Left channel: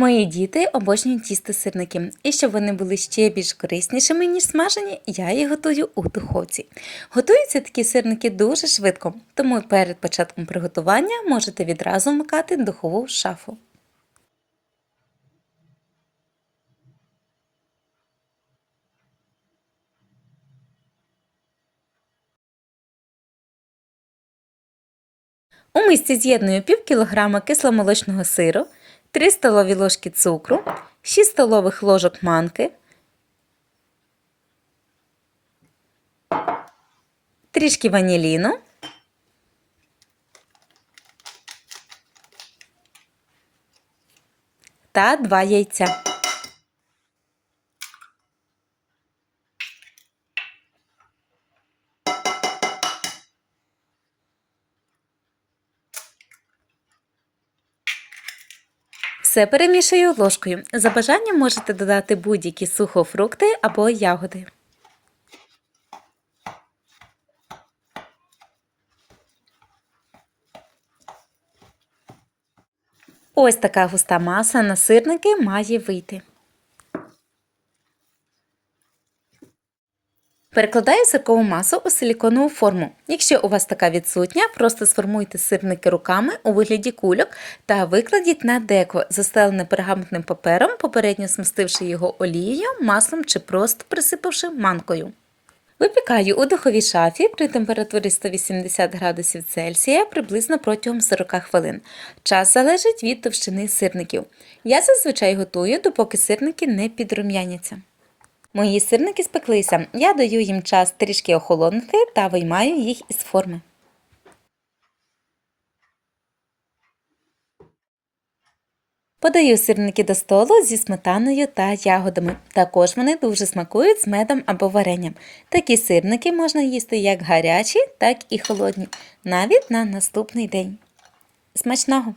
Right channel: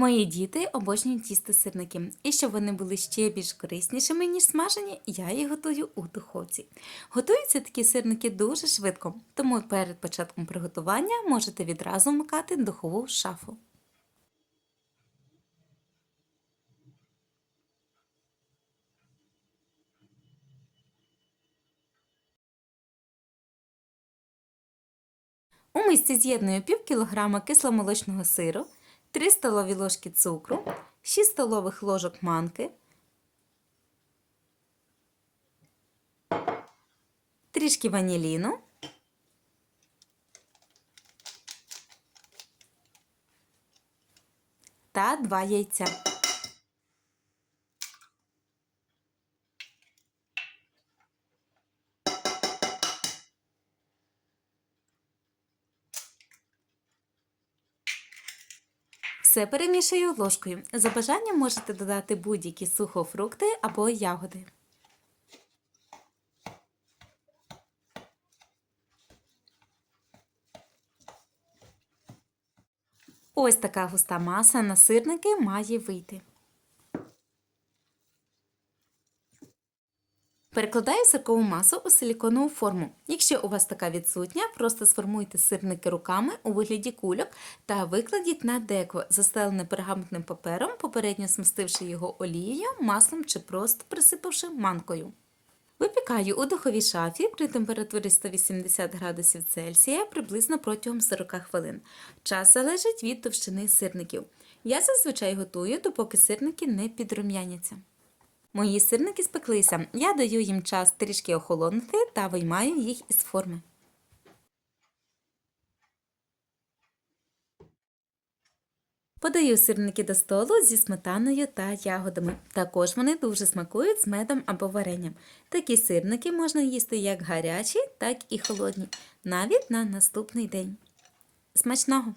Мої діти обожнюють тісти сирники, і щоб вони були ще більш кориснішими, ніж смажені, я їх готую у духовці. Готуються такі сирники дуже швидко, тому перед початком приготування можете відразу вмикати духову шафу. У мисці з'єдную пів кілограма кисломолочного сиру, 3 столові ложки цукру, 6 столових ложок манки, трішки ваніліну, та 2 яйця. Все перемішую ложкою. За бажанням можете додати будь-які сухофрукти або ягоди. Ось така густа маса на сирники має вийти. Перекладаю сиркову масу у силіконову форму. Якщо у вас така відсутня, просто сформуйте сирники руками у вигляді кульок та викладіть на деко, застелене пергаментним папером, попередньо смастивши його олією, маслом чи просто присипавши манкою. Випікаю у духовій шафі при температурі 180 градусів Цельсія приблизно протягом 40 хвилин. Час залежить від товщини сирників. Я зазвичай готую, допоки сирники не підрум'яняться. Мої сирники спеклися. Я даю їм час трішки охолонути та виймаю їх із форми. Подаю сирники до столу зі сметаною та ягодами. Також вони дуже смакують з медом або варенням. Такі сирники можна їсти як гарячі, так і холодні, навіть на наступний день. Смачного!